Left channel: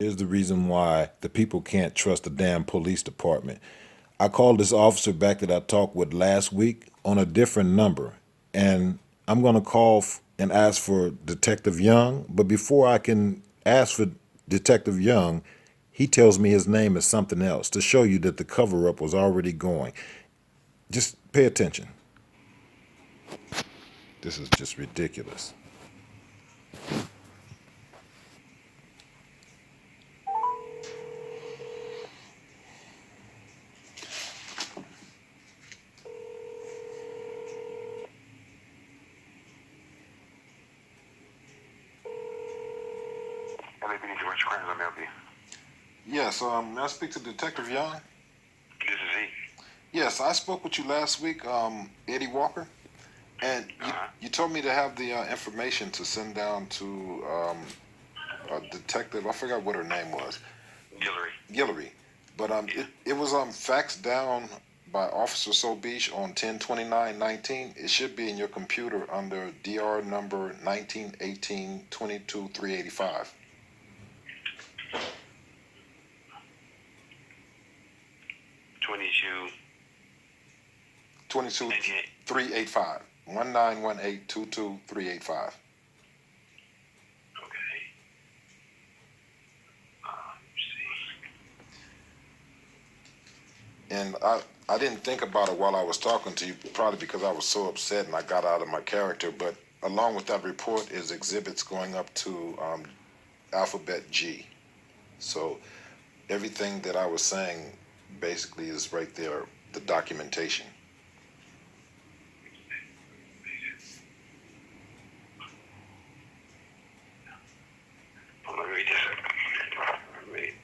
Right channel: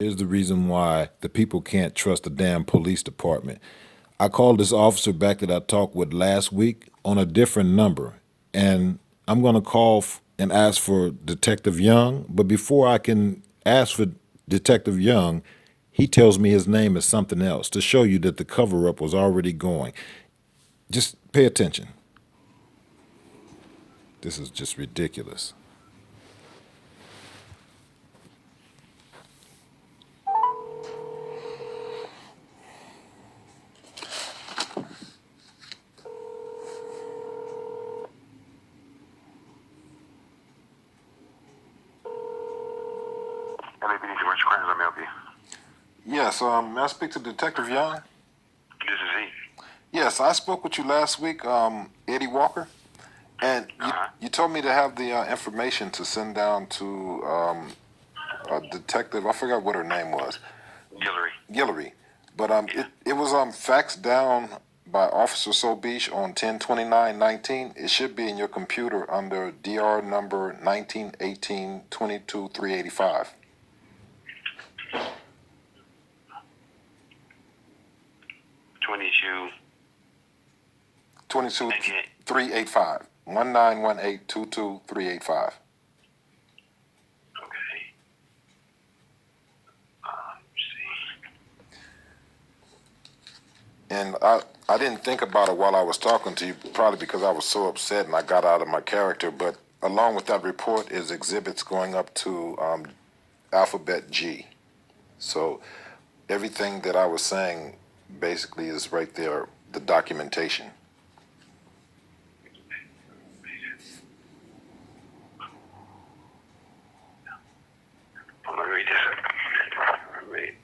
Here's the reason why the people can't trust the damn police department. I called this officer back that I talked with last week on a different number, and I'm going to call and ask for Detective Young. But before I can ask for Detective Young, he tells me his name is something else to show you that the cover up was already going. Just pay attention. This is just ridiculous. A.P.D. Commercial Crimes, let me help you. Yes, may I speak to Detective Young? This is he. Yes, I spoke with you last week, Eddie Walker, and you told me to have the information to send down to a detective. I forgot what her name was. Guillory. But it was faxed down by Officer Sobish on 10/29/19. It should be in your computer under DR number 1918-22-385. 22. 22-385. 1918-22-385. Okay. Let's see. And I didn't think about it while I was talking to you, probably because I was so upset and I got out of my character. But along with that report is exhibits going up to alphabet G. So everything that I was saying basically is right there, the documentation. I'm going to read this. Read.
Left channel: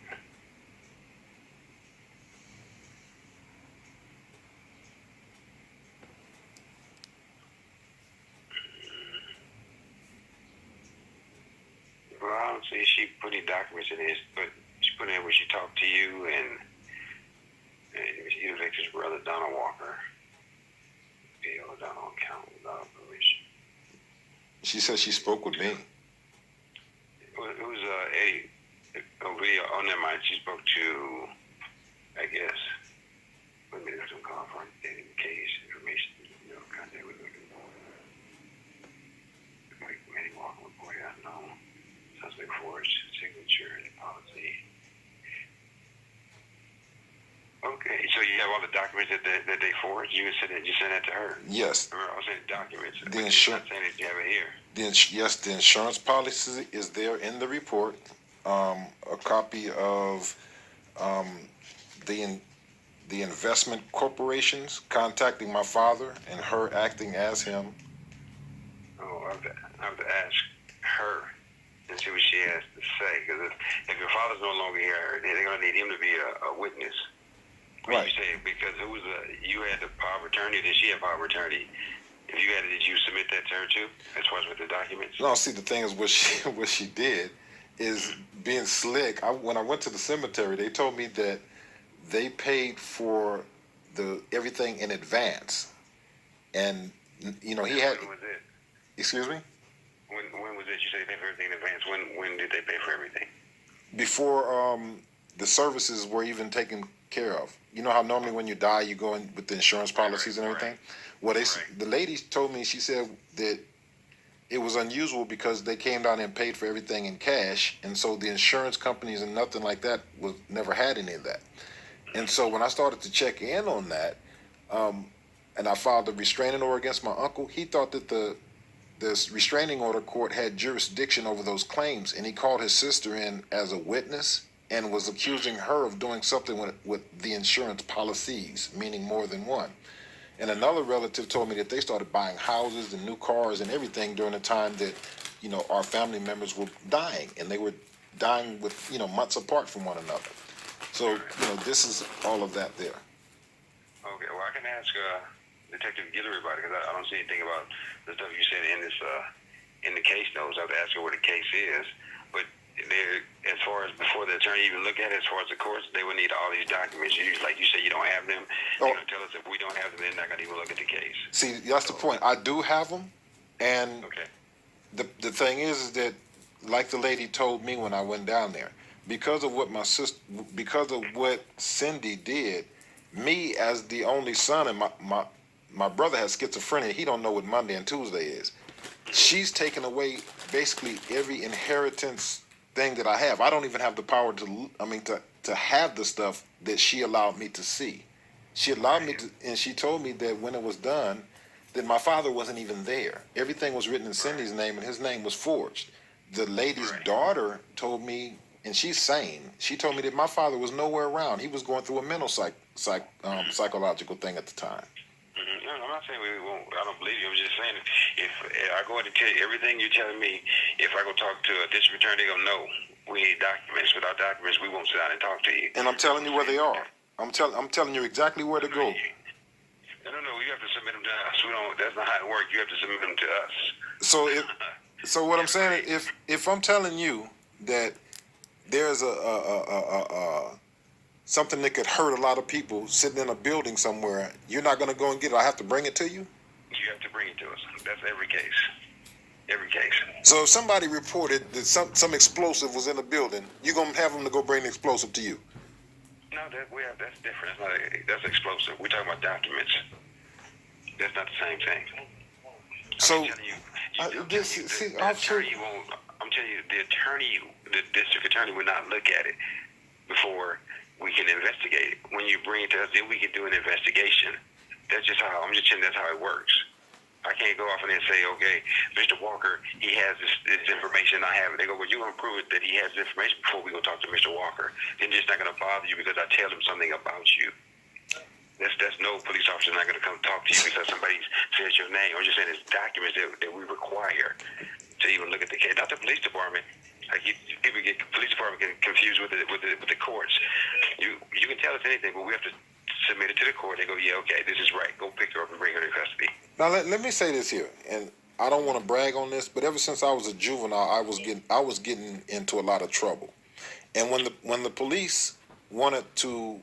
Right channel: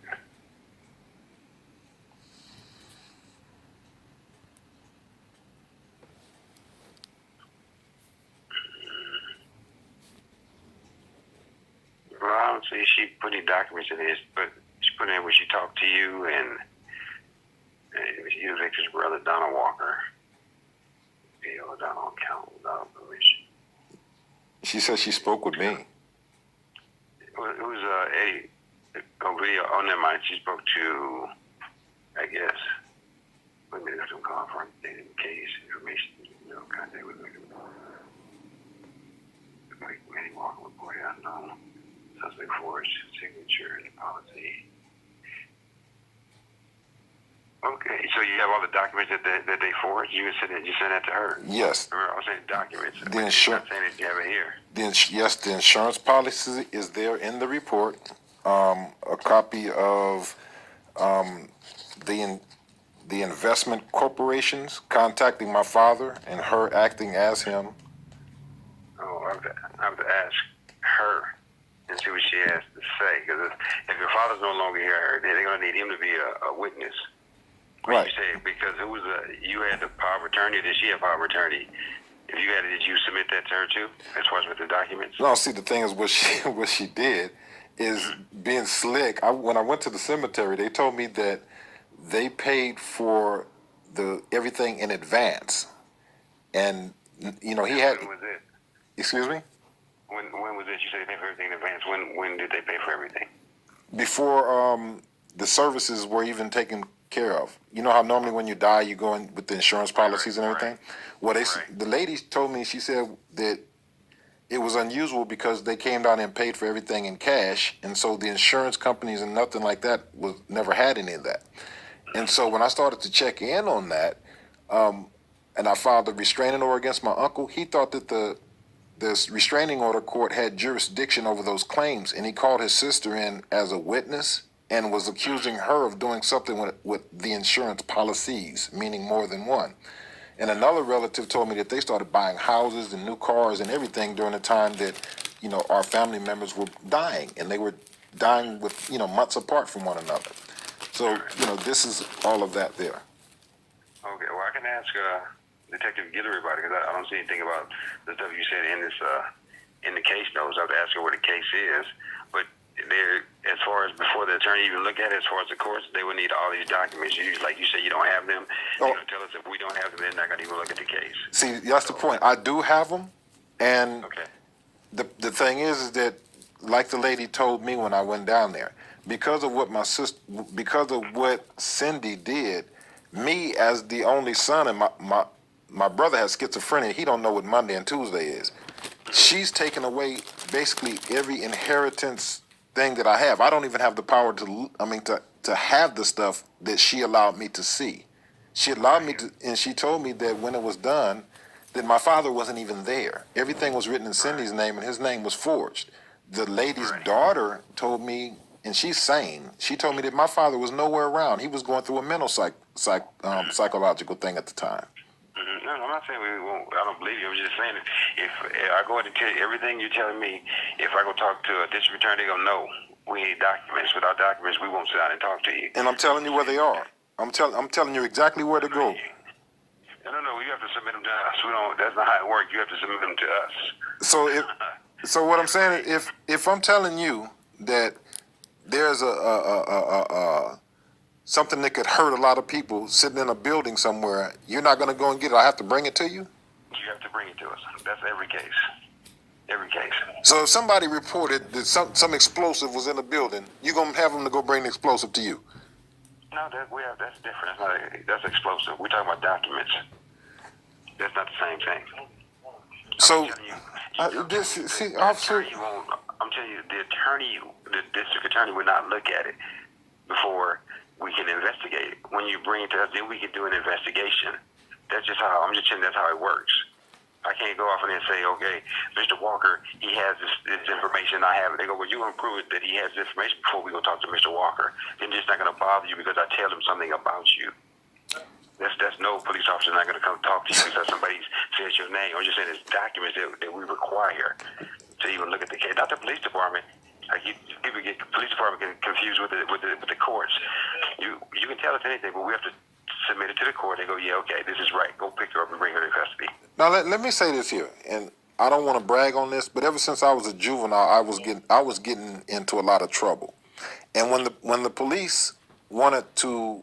Well, I don't see she put any documents in this, but she put in where she talked to you and you Victor's brother, Donald Walker. Bill Donald account without permission. She said she spoke with me. It was Eddie. Oh, video. Oh, never mind. She spoke to, I guess. Wait a minute. I'm calling for updated case information. No contact with victim. Eddie Walker reported unknown. Suspect forged signature and policy. Okay, so you have all the documents that they forged. You sent that to her. Yes. Remember, I was saying documents. The but you're not saying that you have it here. Yes, the insurance policy is there in the report. A copy of the investment corporations contacting my father and her acting as him. Oh, I have to ask her and see what she has to say. Because if your father's no longer here, they're going to need him to be a witness. When Right. you say, because you had the power of attorney, did she have power of attorney? If you had it, did you submit that to her too, as far as with the documents? No, see, the thing is, what she did is being slick. When I went to the cemetery, they told me that they paid for everything in advance, and he had. When was it? Excuse me. When was it? You said they paid for everything in advance. When did they pay for everything? Before the services were even taken care of. You know how normally when you die, you go in with the insurance policies and everything. Well, the lady told me, she said that it was unusual because they came down and paid for everything in cash, and so the insurance companies and nothing like that was never had any of that. And so when I started to check in on that, and I filed a restraining order against my uncle, he thought that this restraining order court had jurisdiction over those claims, and he called his sister in as a witness and was accusing her of doing something with the insurance policies, meaning more than one. And another relative told me that they started buying houses and new cars and everything during the time that, our family members were dying, and they were dying with, months apart from one another. So, this is all of that there. Okay, well, I can ask Detective Guillory about it, because I don't see anything about the stuff you said in this in the case notes. I have to ask her what the case is. But as far as before the attorney even look at it, as far as the courts, they would need all these documents. Like you said, you don't have them. They're going to tell us if we don't have them, they're not going to even look at the case. See, that's the point. I do have them, and okay. The thing is that, like the lady told me when I went down there, because of what my sister, because of what Cindy did, me as the only son, and my brother has schizophrenia. He don't know what Monday and Tuesday is. She's taken away basically every inheritance thing that I have. I don't even have the power to, I mean, to have the stuff that she allowed me to see. She allowed me to, and she told me that when it was done, that my father wasn't even there. Everything was written in Cindy's name, and his name was forged. The lady's daughter told me, and she's sane. She told me that my father was nowhere around. He was going through a mental psychological thing at the time. No, I'm not saying we won't. I don't believe you. I'm just saying if I go ahead and tell you everything you're telling me, if I go talk to a district attorney, they're gonna know we need documents. Without documents, we won't sit down and talk to you. And I'm telling you where they are. I'm telling you exactly where to go. No. You have to submit them to us. We don't. That's not how it works. You have to submit them to us. So what I'm saying is, if I'm telling you that there's a something that could hurt a lot of people sitting in a building somewhere, you're not going to go and get it. I have to bring it to you? You have to bring it to us. That's every case. Every case. So if somebody reported that some explosive was in the building, you're going to have them to go bring the explosive to you? No, that's different. That's explosive. We're talking about documents. That's not the same thing. So, I'm telling you, the district attorney would not look at it before we can investigate it. When you bring it to us, then we can do an investigation. That's just how, I'm just saying that's how it works. I can't go off and then say, okay, Mr. Walker, he has this information, I have it. They go, well, you're going to prove it that he has this information before we go talk to Mr. Walker. Then it's not going to bother you because I tell him something about you. That's no police officer not going to come talk to you because somebody says your name. I'm just saying it's documents that we require to even look at the case. Not the police department. People get the police department confused with the courts. You can tell us anything, but we have to submit it to the court. They go, yeah, okay, this is right. Go pick her up and bring her to custody. Now let me say this here, and I don't want to brag on this, but ever since I was a juvenile, I was getting into a lot of trouble. And when the police wanted to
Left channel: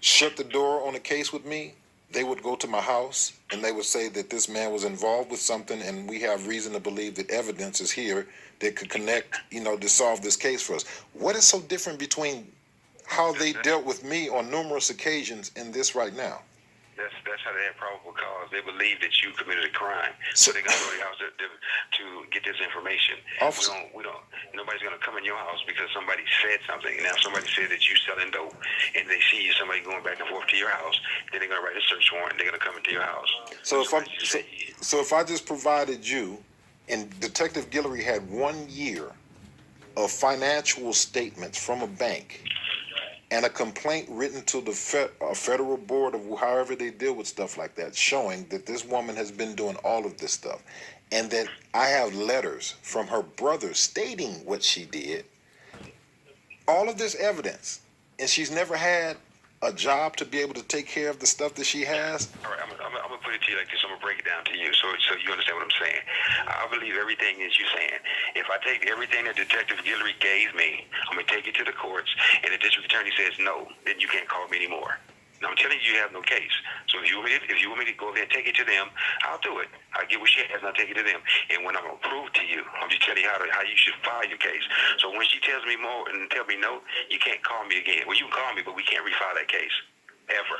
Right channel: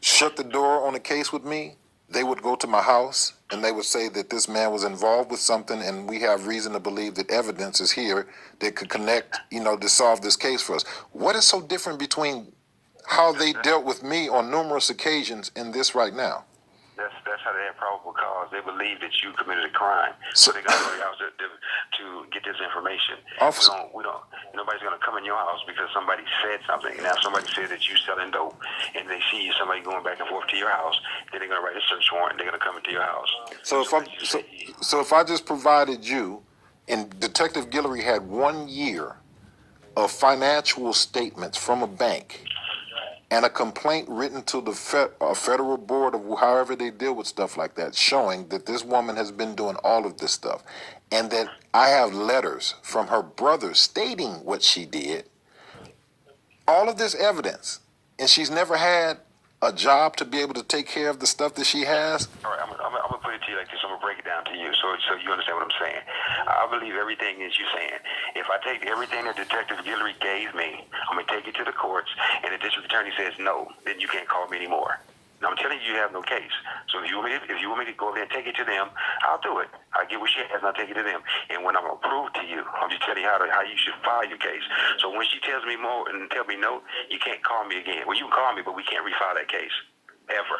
shut the door on a case with me, they would go to my house and they would say that this man was involved with something, and we have reason to believe that evidence is here that could connect, to solve this case for us. What is so different between how they dealt with me on numerous occasions and this right now? That's how they have probable cause. They believe that you committed a crime, so they're gonna go to your house to get this information. We don't. Nobody's gonna come in your house because somebody said something. Now, if somebody said that you selling dope, and they see somebody going back and forth to your house, then they're gonna write a search warrant. And they're gonna come into your house. So if I just provided you, and Detective Guillory had 1 year of financial statements from a bank, and a complaint written to the federal board of however they deal with stuff like that, showing that this woman has been doing all of this stuff, and that I have letters from her brother stating what she did, all of this evidence, and she's never had a job to be able to take care of the stuff that she has. All right, I'm gonna put it to you like this. I'm gonna break it down to you, so you understand what I'm saying. I believe everything is you saying. If I take everything that Detective Guillory gave me, I'm gonna take it to the courts, and the district attorney says no, then you can't call me anymore. Now, I'm telling you, you have no case. So if you want me to go ahead and take it to them, I'll do it. I'll get what she has, and I'll take it to them. And when I'm gonna prove to you, I'm just telling you how you should file your case. So when she tells me more and tell me no, you can't call me again. Well, you can call me, but we can't refile that case ever.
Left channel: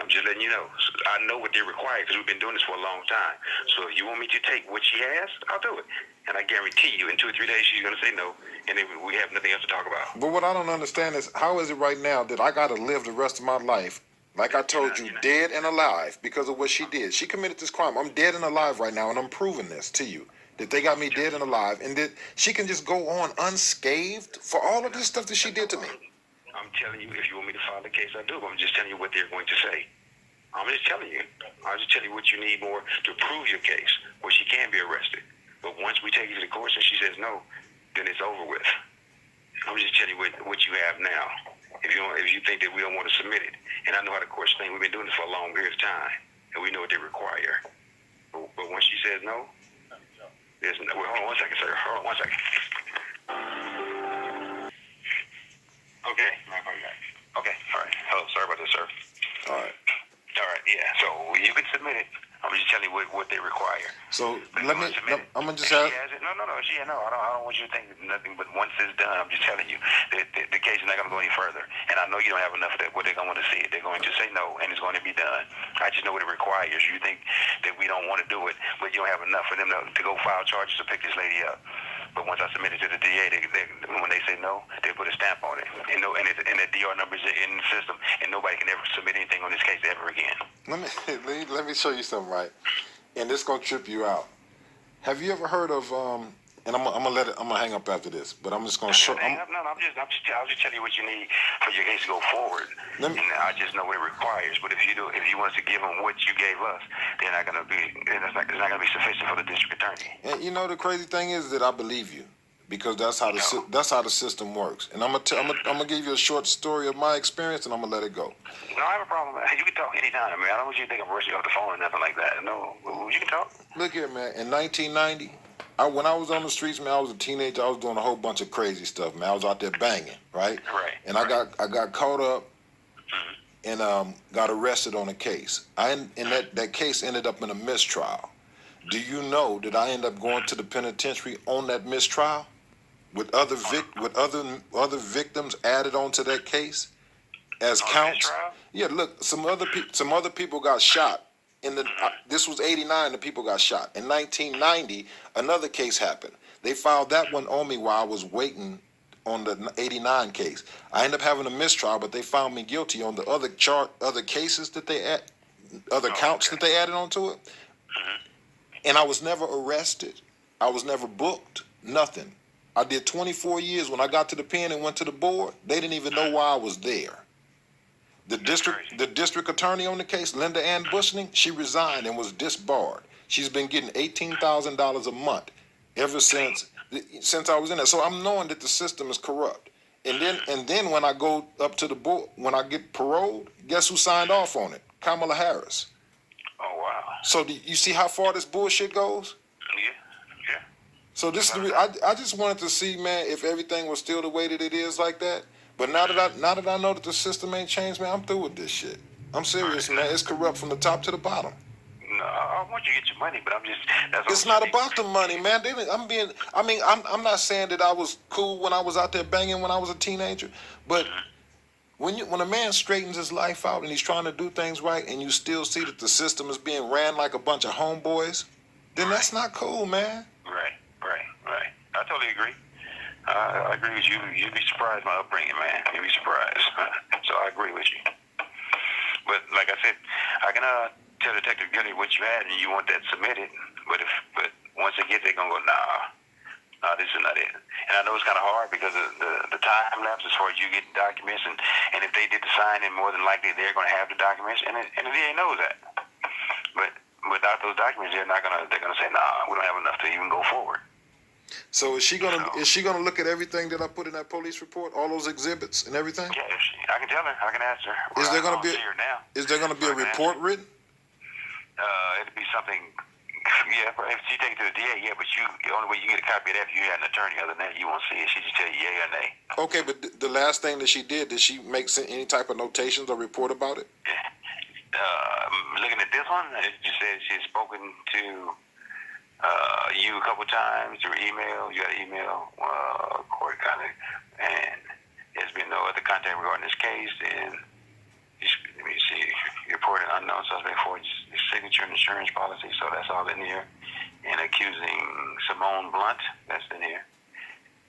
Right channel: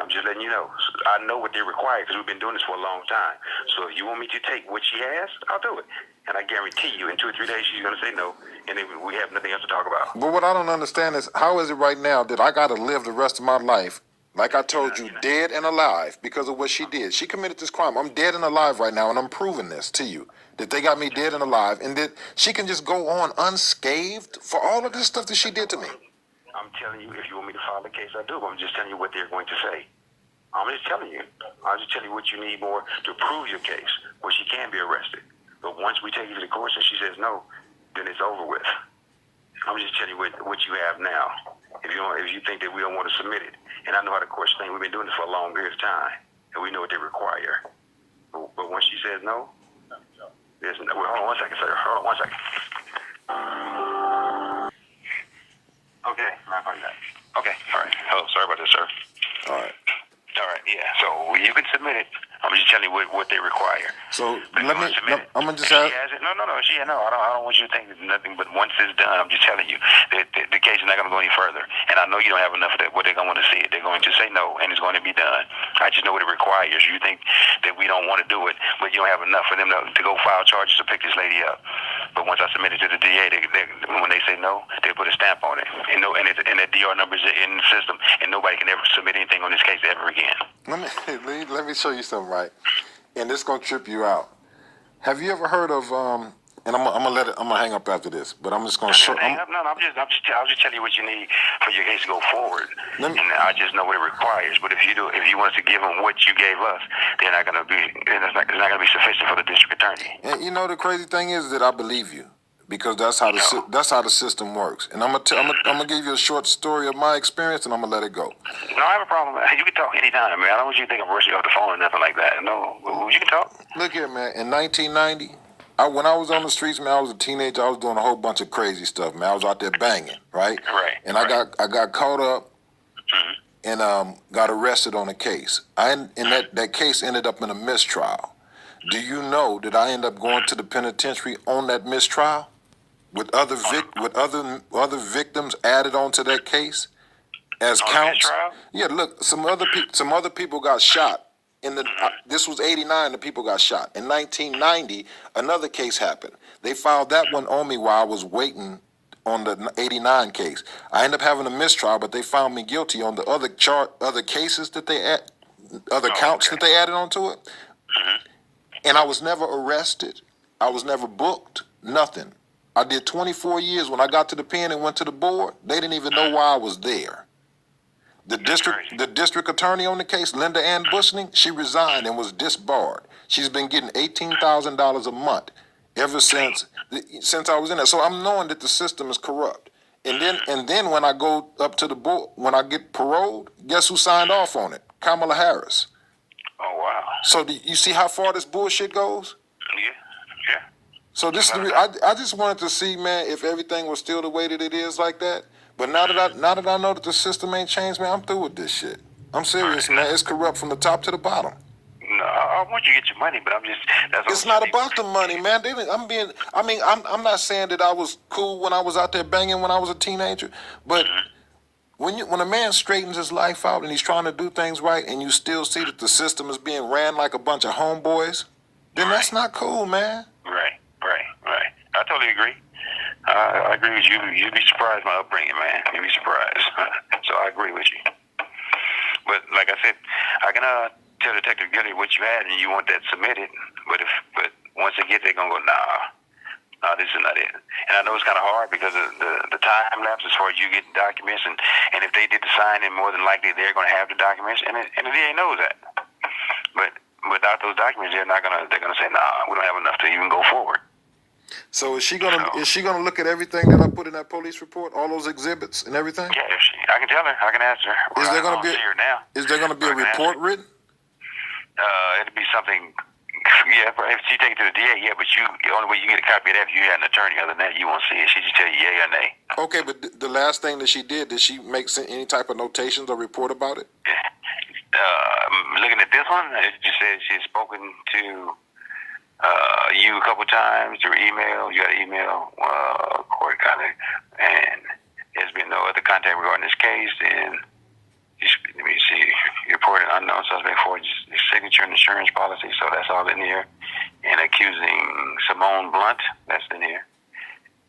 I'm just letting you know. I know what they require because we've been doing this for a long time. So if you want me to take what she has, I'll do it. And I guarantee you, in 2 or 3 days, she's going to say no, and then we have nothing else to talk about. But what I don't understand is, how is it right now that I got to live the rest of my life, like I told you, dead and alive because of what she did? She committed this crime. I'm dead and alive right now, and I'm proving this to you, that they got me dead and alive, and that she can just go on unscathed for all of this stuff that she did to me. I'm telling you, if you want me to file the case, I do. But I'm just telling you what they're going to say. I'm just telling you. I'm just telling you what you need more to prove your case, where she can be arrested. But once we take you to the courts and she says no, then it's over with. I'm just telling you what you have now. If you think that we don't want to submit it, and I know how the courts think, we've been doing this for a long period of time, and we know what they require. But once she says no, there's no. Well, hold on 1 second, sir. Hold on 1 second. Okay, okay, all right. Hello, sorry about this, sir. All right. Yeah, so you can submit it. I'm I'm just telling you what they require. So But let you me. want to submit it. I'm gonna just If have. she has it. No. I don't want you to think it's nothing. But once it's done, I'm just telling you that the case is not going to go any further. And I know you don't have enough of that. What they're going to want to see it. They're going to say no, and it's going to be done. I just know what it requires. You think that we don't want to do it, but you don't have enough for them to go file charges to pick this lady up. But once I submit it to the DA, when they say no, they put a stamp on it. And the DR numbers are in the system, and nobody can ever submit anything on this case ever again. Let me show you something, right? And this gonna trip you out. Have you ever heard of And I'm gonna hang up after this, but I'm just gonna show. I was just telling you what you need for your case to go forward. And I just know what it requires. But if you want us to give them what you gave us, they're not gonna be. It's not gonna be sufficient for the district attorney. And you know the crazy thing is that I believe you. Because that's how the system works, and I'm gonna give you a short story of my experience, and I'm gonna let it go. No, I have a problem. You can talk anytime, man. I don't want you to think I'm rushing you off the phone or nothing like that. No, you can talk. Look here, man. In 1990, when I was on the streets, man, I was a teenager. I was doing a whole bunch of crazy stuff, man. I was out there banging, right? Right. And I got caught up, and got arrested on a case. And that case ended up in a mistrial. Do you know that I ended up going to the penitentiary on that mistrial? With other victims added onto that case as counts. Yeah, look, some other people got shot. This was '89. The people got shot. In 1990, another case happened. They filed that one on me while I was waiting on the '89 case. I ended up having a mistrial, but they found me guilty on the other cases that counts that they added onto it. And I was never arrested. I was never booked. Nothing. I did 24 years. When I got to the pen and went to the board, they didn't even know why I was there. The district attorney on the case, Linda Ann Bushning, she resigned and was disbarred. She's been getting $18,000 a month ever since I was in there. So I'm knowing that the system is corrupt. And then when I go up to the board, when I get paroled, guess who signed off on it? Kamala Harris. Oh wow. So do you see how far this bullshit goes? Yeah. So I just wanted to see, man, if everything was still the way that it is like that. But now that I know that the system ain't changed, man, I'm through with this shit. I'm serious, man. It's corrupt from the top to the bottom. No, I want you to get your money, but It's not about the money, man. I'm not saying that I was cool when I was out there banging when I was a teenager, but when a man straightens his life out and he's trying to do things right, and you still see that the system is being ran like a bunch of homeboys, then that's not cool, man. Right. I totally agree. I agree with you. You'd be surprised my upbringing, man. You'd be surprised. So I agree with you. But like I said, I can tell Detective Gilly what you had and you want that submitted. But once they get there, they're gonna go, nah, this is not it. And I know it's kind of hard because of the time lapse as far as you get documents, and if they did the sign, then more than likely they're gonna have the documents, and the DA knows that. But without those documents, they're gonna say, nah, we don't have enough to even go forward. So is she gonna look at everything that I put in that police report, all those exhibits and everything? Yeah, I can tell her. I can ask her. Is there gonna be a report written? It'll be something. Yeah, if she take it to the DA, yeah, but the only way you get a copy of that if you had an attorney. Other than that, you won't see it. She just tell you yay or nay. Okay, but the last thing that she did she make any type of notations or report about it? Looking at this one, it just says she's spoken to you a couple times through email. You got an email, court contact, and there's been no other contact regarding this case. And let me see, you reported unknown suspect for his signature and insurance policy, so that's all in here. And accusing Simone Blunt, that's in here.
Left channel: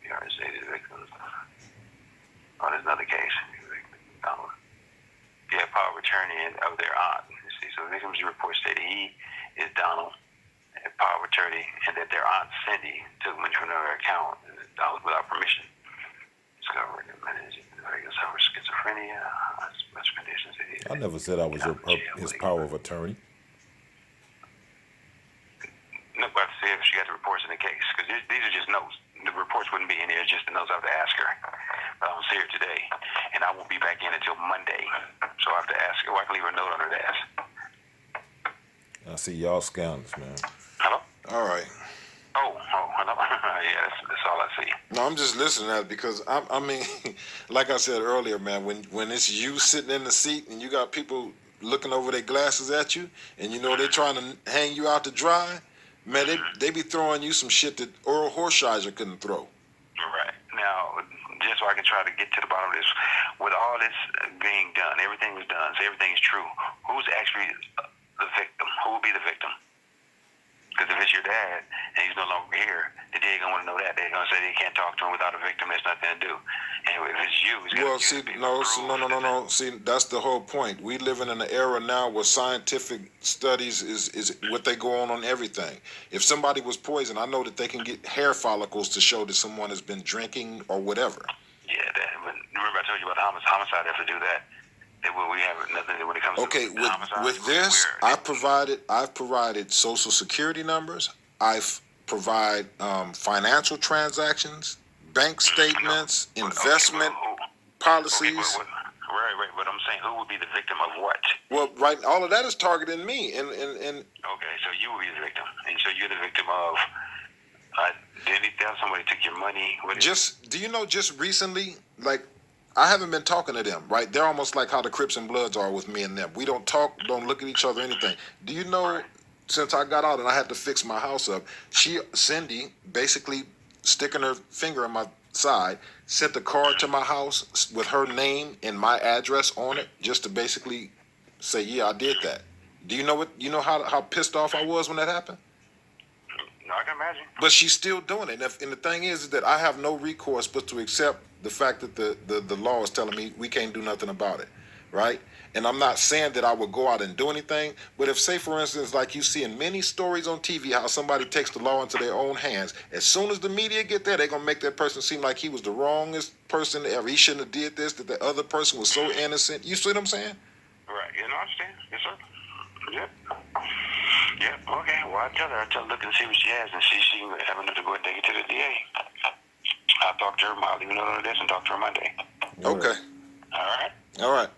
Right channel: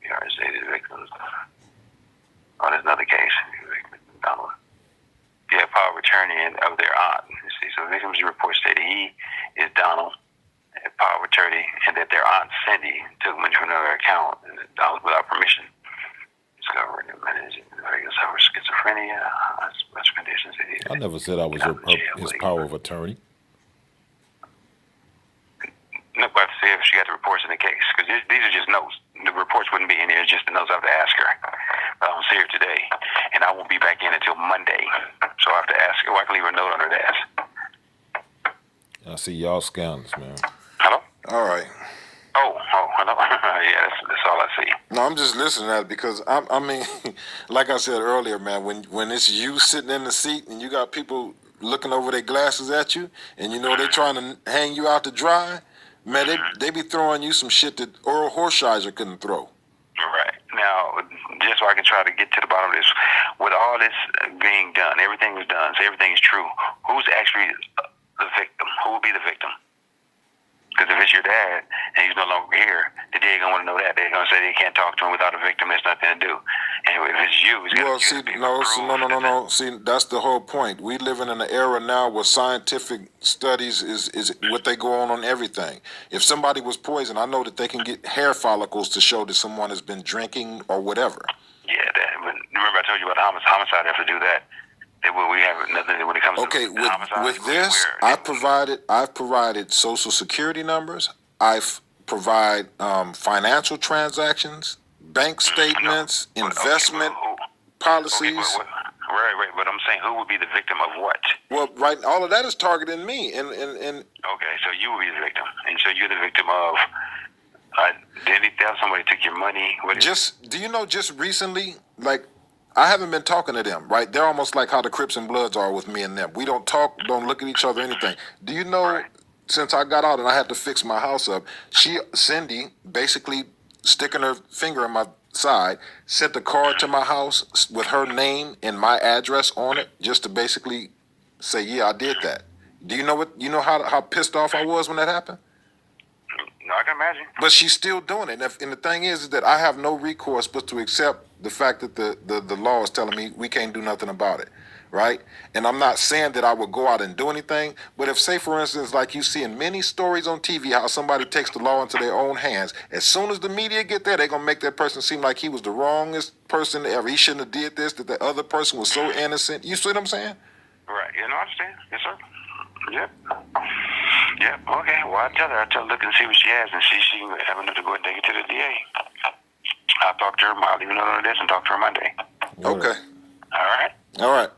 You already stated victims. Oh, there's another case. Donald. Yeah, power of attorney of their aunt. You see, so the victim's report stated he is Donald, power of attorney, and that their aunt Cindy took money from another account, and that Donald without permission. Discovered and managing schizophrenia, special conditions. I never said I was his power of attorney. No, but I have to see if she got the reports in the case, because these are just notes. The reports wouldn't be in here, just the notes I have to ask her. I don't see her today, and I won't be back in until Monday, so I have to ask her. Or I can leave a note on her desk. I see y'all scandals, man. Hello? All right. Oh, hello. Yeah, that's all I see. No, I'm just listening to that because I mean, like I said earlier, man, when it's you sitting in the seat and you got people looking over their glasses at you, and you know they're trying to hang you out to dry. Man, they be throwing you some shit that Earl Horshiser couldn't throw. Right. Now, just so I can try to get to the bottom of this, with all this being done, everything was done, so everything is true. Who's actually the victim? Who will be the victim? Because if it's your dad and he's no longer here, the DA gonna want to know that. They're gonna say they can't talk to him without a victim. There's nothing to do. And if it's you, it's Well, see, no. See, that's the whole point. We living in an era now where scientific studies is what they go on everything. If somebody was poisoned, I know that they can get hair follicles to show that someone has been drinking or whatever. Yeah, but remember I told you about homicide. Have to do that. We have nothing when it comes okay, to homicide. With this, I've provided social security numbers. I've provided financial transactions, bank statements, investment policies. Right. But I'm saying, who would be the victim of what? Well, right, all of that is targeting me, and okay, so you would be the victim, and so you're the victim of. Did he tell somebody took your money? Do you know? Just recently, like, I haven't been talking to them. Right, they're almost like how the Crips and Bloods are with me and them. We don't talk, don't look at each other, anything. Do you know? Right. Since I got out and I had to fix my house up, Cindy, basically sticking her finger in my side, sent a card to my house with her name and my address on it, just to basically say, yeah, I did that. Do you know what? You know how pissed off I was when that happened? No, I can imagine. But she's still doing it. And the thing is that I have no recourse but to accept the fact that the law is telling me we can't do nothing about it, right? And I'm not saying that I would go out and do anything, but if, say, for instance, like you see in many stories on TV, how somebody takes the law into their own hands, as soon as the media get there, they're going to make that person seem like he was the wrongest person ever. He shouldn't have did this, that the other person was so innocent. You see what I'm saying? Right. You know, I understand. Yes, sir. Yep. Yeah, okay. Well, I tell her look and see what she has, and she have enough to go and take it to the DA. I'll talk to her. I'll leave a note on this and talk to her Monday. Okay. All right.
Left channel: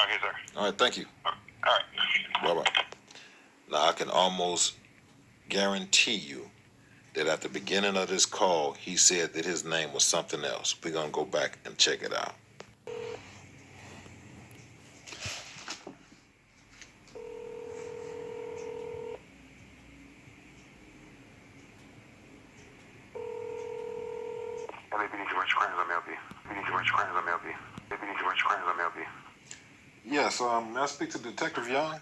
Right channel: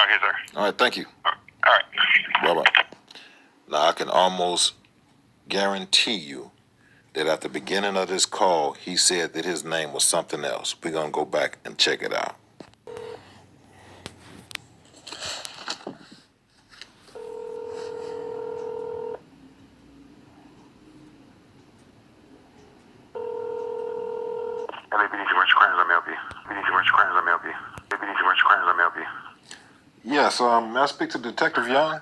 Okay, sir. All right. Thank you. All right. Bye-bye. Now, I can almost guarantee you that at the beginning of this call, he said that his name was something else. We're going to go back and check it out. A.P.D. commercial crimes, let me help you. A.P.D. commercial crimes, let me help you. A.P.D. commercial crimes, let me help you. Yes, may I speak to Detective Young?